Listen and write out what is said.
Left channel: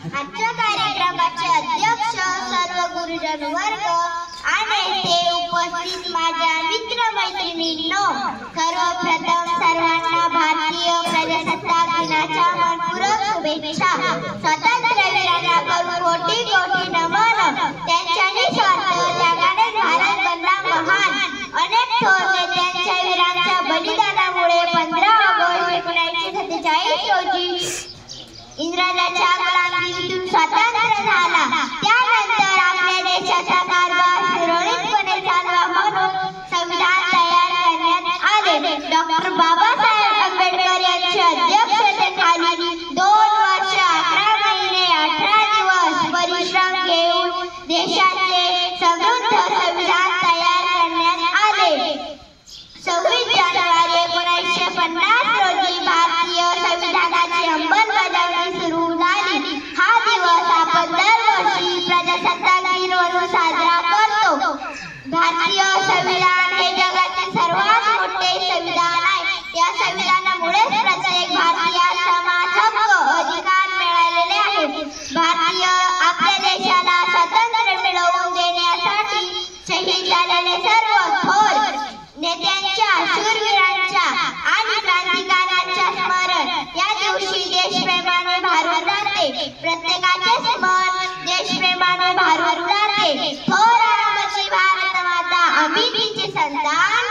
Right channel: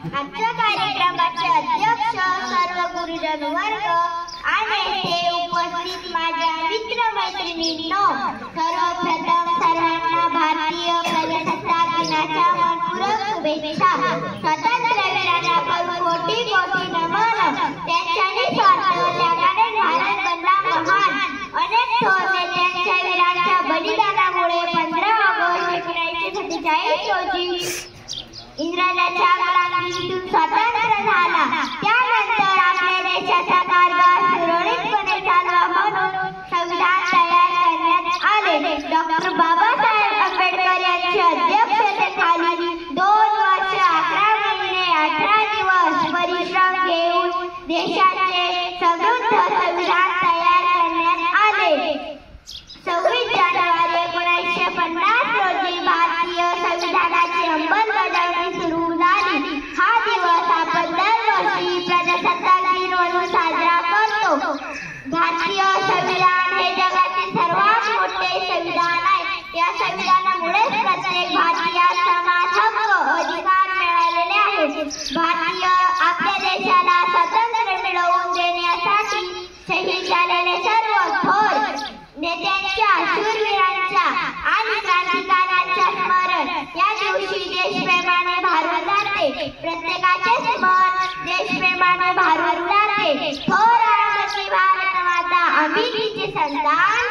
आजच्या कार्यक्रमाचे अध्यक्ष सर्व गुरुजन वर्ग आणि ते उपस्थित माझ्या मित्र मैत्रिणींनो, सर्वप्रथम सर्वांना भारतीय प्रजासत्ताक दिनाच्या मनपूर्वक शुभेच्छा। स्वातंत्र्यवीरांना कोटी कोटी नमन। त्यांच्या निस्वार्थ त्यागाने भारत बनला महान। अनेक थोर नेत्यांच्या वीरांच्या बलिदानामुळे 15 ऑगस्ट 1947 रोजी इंग्रजांच्या गुलामीतून स्वातंत्र्य झाला। त्यानंतर आपल्या देशाचा कारभार सुरळीतपणे चालवा म्हणून संविधान तयार करण्यात आले। डॉक्टर बाबासाहेब आंबेडकर यांच्या अध्यक्षतेखाली 2 वर्ष 11 महिने 18 दिवस परिश्रम घेऊन देशाचे समृद्ध संविधान तयार करण्यात आले। 26 जानेवारी 1950 रोजी भारतीय संविधानाची अंमलबजावणी सुरू झाली। हा दिवस आपण दरवर्षी प्रजासत्ताक दिन म्हणून साजरा करतो। भारतीय संविधान हे जगातील सर्वात मोठे संविधान आहे। या संविधानामुळे प्रत्येक भारतीयास समान हक्क अधिकार मिळालेले आहेत। भारतीय आपल्या देशाला स्वातंत्र्य मिळवून देण्यासाठी शहीद झालेले सर्व थोर नेत्यांच्या, शूरवीरांच्या आणि क्रांतिकारकांच्या स्मरण या दिवशी देशप्रेमाने भारून जाते। प्रत्येकाचे स्मरण देशप्रेमाने भारून जाते। थोर आमची भारत माता, आम्ही तिचे संतान।